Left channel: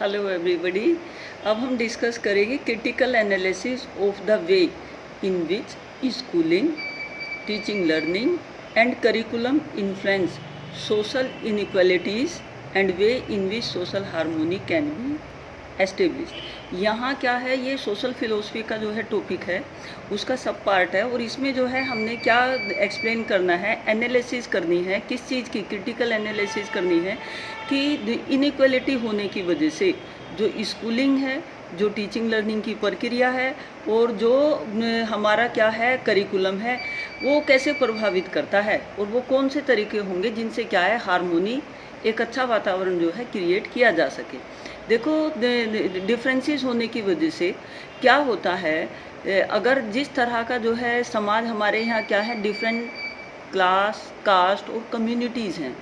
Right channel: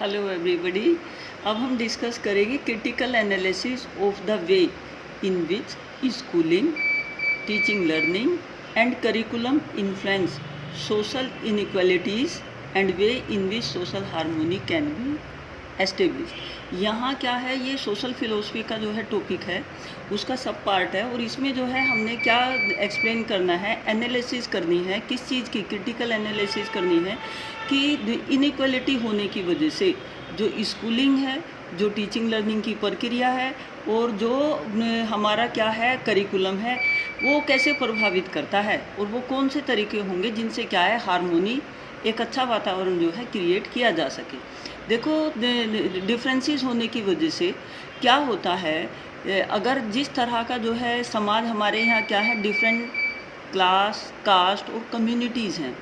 Hello everybody. अब हम discuss करेंगे critical analysis of the way in which schooling, teaching, learning and curriculum influence social inequalities and way in which social harmony can be establish. यहाँ क्या है, ये social philosophy का जो है टॉपिक है, उसका सब पार्ट है। और इसमें जो है हमने क्या एक्सप्लेन करना है, एनालिसिस करनी है। किस चीज़ की क्रिटिकल एनालिसिस करनी है कि इनइक्वालिटी होने की वजह से जो स्कूलिंग है, जो टीचिंग लर्निंग की प्रक्रिया है और जो हमारा क्या है करिकुलम है, वो कैसे प्रभावित करता है और वो कौन से तरीके होंगे जिनसे क्या है हार्मोनी, एक अच्छा वातावरण जो है क्रिएट किया जा सके। देखो, डिफरेंसेस होने की वजह से क्या होता है, अगर जिस तरह का जो है समाज हमारे यहाँ क्या है, डिफरेंट क्लास, कास्ट और कम्युनिटीज़ हैं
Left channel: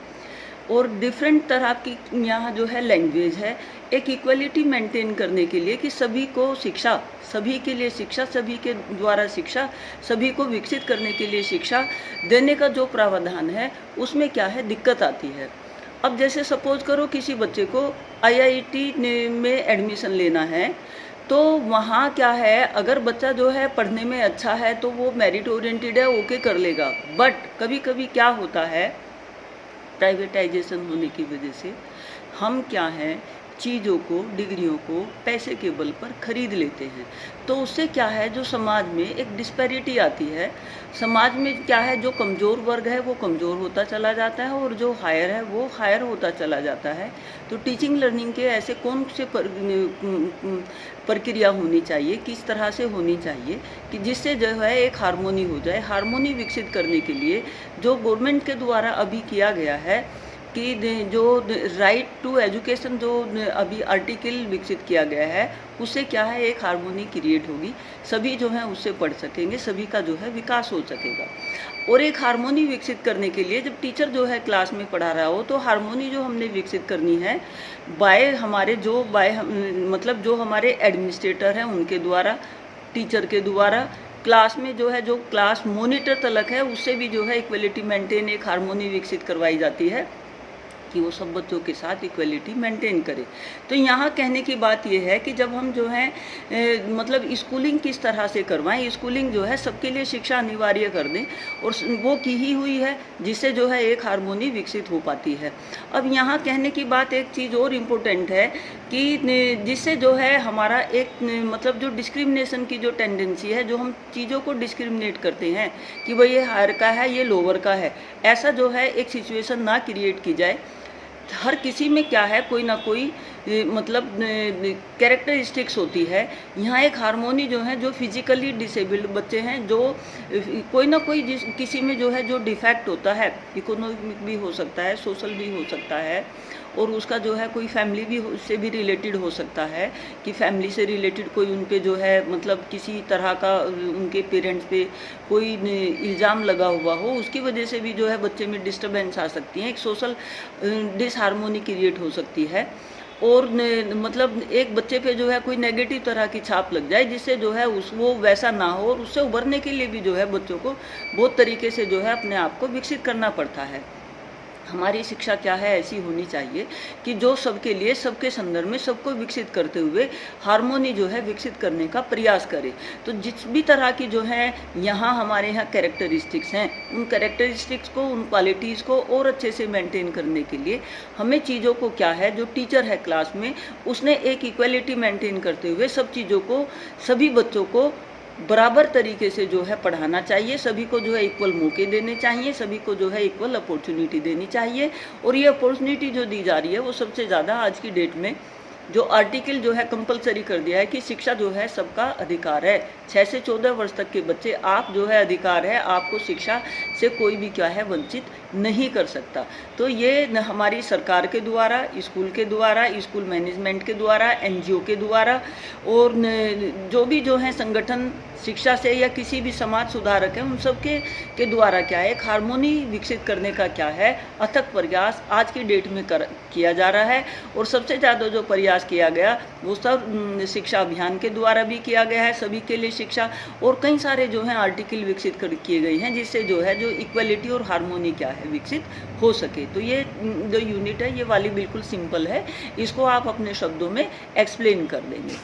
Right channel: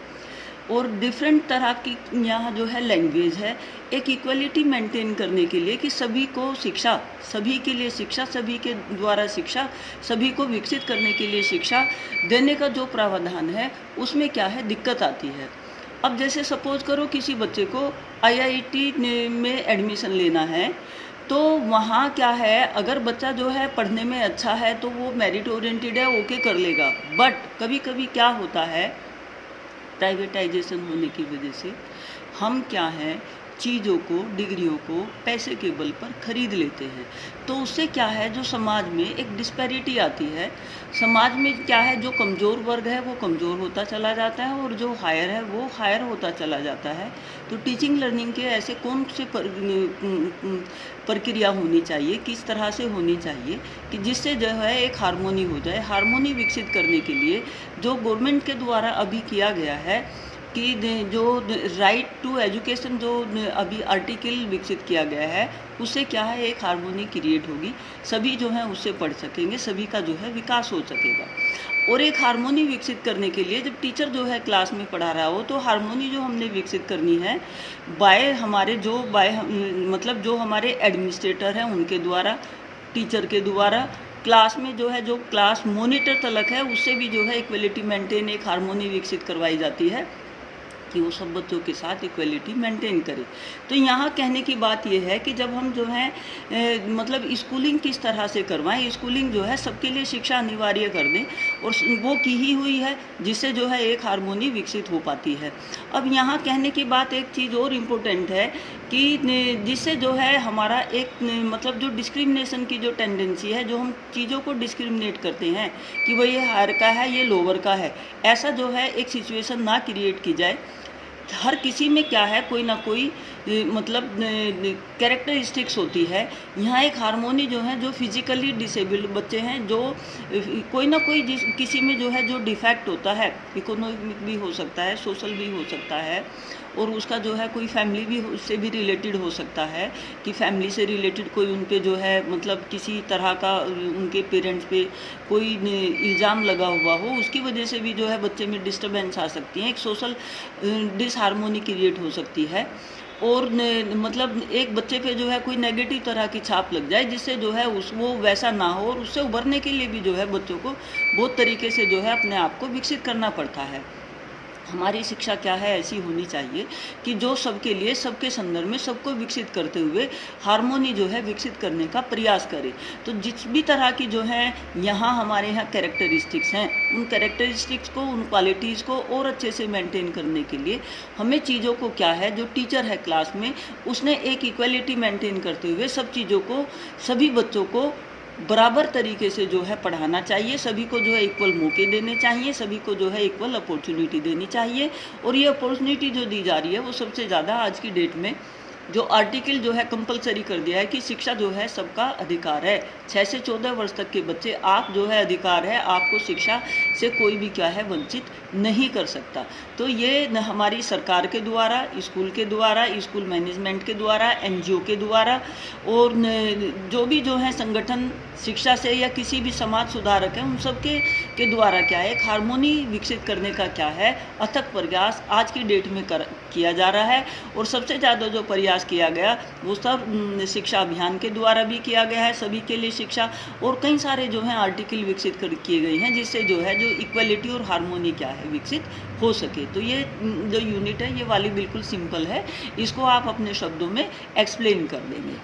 और डिफरेंट तरह की यहाँ जो है लैंग्वेज है। एक इक्वलिटी मेंटेन करने के लिए कि सभी को शिक्षा, सभी के लिए शिक्षा, सभी के द्वारा शिक्षा, सभी को विकसित करने के लिए शिक्षा देने का जो प्रावधान है, उसमें क्या है दिक्कत आती है। अब जैसे सपोज करो किसी बच्चे को आईआईटी में एडमिशन लेना है, तो वहाँ क्या है, अगर बच्चा जो है पढ़ने में अच्छा है तो वो मेरिट ओरिएंटेड है, ओके कर लेगा। बट कभी कभी क्या होता है, प्राइवेटाइजेशन होने की वजह से हम क्या है, चीज़ों को, डिग्रियों को पैसे के बल पर खरीद लेते हैं। तो उससे क्या है, जो समाज में एक डिस्पैरिटी आती है। समाज में क्या है, जो कमज़ोर वर्ग है वो कमज़ोर होता चला जाता है और जो हायर है वो हायर होता चला जाता है। तो टीचिंग लर्निंग के ऐसे कौन से प्रक्रिया होनी चाहिए, किस तरह से होनी चाहिए कि जिससे जो है एक हार्मोनी हो जाए। हार्मोनी विकसित करने के लिए जो गवर्नमेंट के द्वारा अभी किया गया है कि जो राइट टू एजुकेशन जो अभी आर्टिकल विकसित किया गया है, उससे क्या है एक हार्मोनी क्रिएट होगी, सभी जो है उससे पढ़ सकेंगे, सभी का जो है विकास हो सकेगा। और एक हार्मोनी विकसित करने के लिए जब टीचर जो है क्लास में पढ़ा रहा हो, तो हार्मोनी जो हमने विकसित करनी है मतलब जो हमारे एडमिनिस्ट्रेटर हैं उनके द्वारा, टीचर के द्वारा, क्लास में जो है जो क्लास मॉनिटर तलक है उससे भी जो है इक्वलिटी मेंटेन, एक हार्मोनी विकसित करवाई जाती है कि वो सब बच्चों के साथ इक्वलिटी मेंटेन करे। तो यहाँ कहने की बात ये है कि जब हम जो है मतलब स्कूलिंग किस तरह से करवाएं, स्कूलिंग जो है सबके लिए शिक्षा अनिवार्य कर दें और वो की ही हुई है, जिससे जो है एक हार्मोनी विकसित हो पाती है। अब यहाँ कहने की बात एक चीज़ और इम्पोर्टेंट है कि जिससे जो है हमारा एक मतलब जो डिस्क्रिमिनेशन की जो टेंडेंसी है, जो हम चीज़ों को डिस्क्रिमिनेट करते हैं कि भाई ये हायर का है, ये लोअर का है, ऐसा जो है एक सिचुएशन ना क्रिएट की जाए। हर किसी में क्या है, कोई ना कोई मतलब कैरेक्टरिस्टिक्स होती है। यहाँ एक हार्मोनी जो है, जो फिजिकली डिसेबल्ड बच्चे हैं, जो कोई ना कोई किसी में जो है जो डिफेक्ट होता है, इकोनॉमिक भी हो सकता है, सोशल भी हो सकता है, और उसका जो है कोई फैमिली भी उससे भी रिलेटेड हो सकता है कि फैमिली से रिलेटेड कोई उन पे जो है मतलब किसी तरह का उनके पेरेंट्स पे कोई इल्ज़ाम लगा हुआ हो, उसकी वजह से भी जो है बच्चे में डिस्टर्बेंस आ सकती है, एक सोशल डिसहार्मोनी क्रिएट हो सकती है। और मतलब एक बच्चे पे जो है कोई नेगेटिव तरह की छाप लग जाए, जिससे जो है वो वैसा ना हो, और उससे उभरने के लिए भी जो है बच्चों को बहुत तरीके से जो है अपने आप को विकसित करना पड़ता है। हमारी शिक्षा क्या है, ऐसी होनी चाहिए कि जो सबके लिए, सबके संदर्भ में सबको विकसित करते हुए हार्मोनी जो है विकसित करने का प्रयास करे। तो जिस भी तरह की जो है यहाँ हमारे यहाँ कैरेक्टरिस्टिक्स हैं, उन कैरेक्टरिस्टिक्स को, उन क्वालिटीज़ को और अच्छे से मेंटेन करने के लिए हमें चीज़ों को क्या है, जो टीचर है क्लास में, उसने एक इक्वलिटी मेंटेन करते हुए सब चीज़ों को, सभी बच्चों को बराबर तरीके से जो है पढ़ाना चाहिए, सभी को जो है इक्वल मौके देने चाहिए, सभी को जो है इक्वल अपॉर्चुनिटी देनी चाहिए। और ये अपॉर्चुनिटी जो दी जा रही है वो सबसे ज़्यादा आज की डेट में जो आर्टिकल जो है कंपलसरी कर दिया है कि शिक्षा जो है सबका अधिकार है। 6 से 14 वर्ष तक के बच्चे, आप जो है अधिकार है, आपको शिक्षा से कोई भी क्या है वंचित नहीं कर सकता। तो ये हमारी सरकार के द्वारा, स्कूल के द्वारा, स्कूल मैनेजमेंट के द्वारा, एनजीओ के द्वारा और जो भी जो है संगठन शिक्षा से या किसी भी समाज सुधारक है, उन सब के द्वारा क्या है एक हार्मोनी विकसित करने का क्या है अथक प्रयास आज की डेट में किया जा रहा है। और सबसे ज़्यादा जो प्रयास किया गया वो सब शिक्षा अभियान के द्वारा भी किया गया है, सभी के लिए शिक्षा, और कई सारे जो हैं आर्टिकल विकसित किए गए हैं, जिससे जो है जो इक्वलिटी और हार्मोनी क्या है विकसित हो सके। तो ये जो यूनिट है ये वाली बिल्कुल सिंपल है, इसको आप अपने शब्दों में एक्सप्लेन कर देंगे।